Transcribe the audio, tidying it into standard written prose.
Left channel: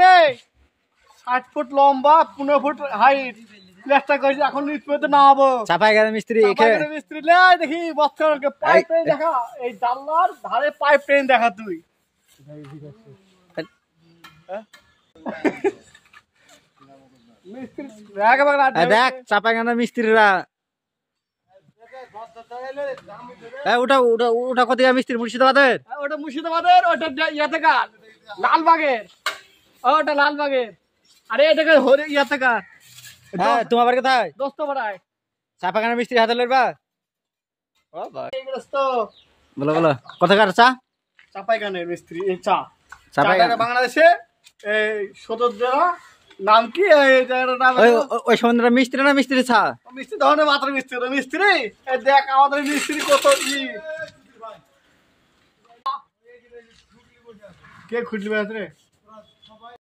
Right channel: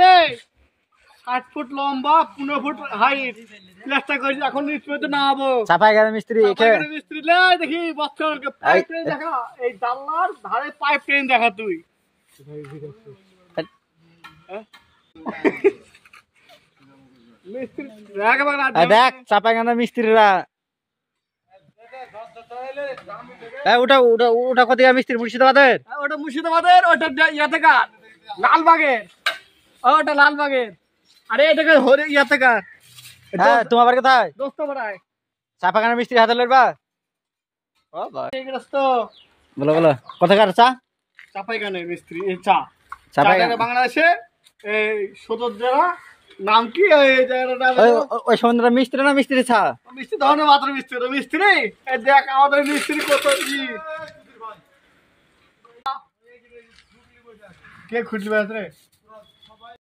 রে 60 ফুট লম্বা 15 foot height plaster করেছি এখন স্কুলে না হবো চাপাই গেল মিস্ত্রি মিস্ত্রি লে দেখি বস্তাকে পাইপ ট্রেন দেখা এই জানলার ধারে পাইপ ট্রেন দেখা তুই মিস্ত্রি দেখ চাপাই গেল মিস্ত্রিরা ওটা ওটা ওটা কোথায় মিস্ত্রি মুর্শিদাবাদের ওটা মুর্শিদাবাদের ওটা ইয়াতে কার লালবাগের ওটা লালবাগের আরে এটাকে ইয়াতে কার হ্যাঁ তোমার বাড়ি কোথায় দোস্ত পাড়ায় চাপা গানা মিস্ত্রি হাতে লড়বা ও ভাই বলো বলো কোথাকার চা চাপাই গানের মিস্ত্রি চা চাপাই গানা বাংলাদেশে এই সদরজেলা নাম কি এই জায়গাটার নাম ওই সমুদ্র মিস্ত্রি না মিস্ত্রি চা মিস্ত্রি ধরনের মাত্র মিস্ত্রি মিস্ত্রি দেখ আমাদের মিস্ত্রি কত কে খুঁজবে রে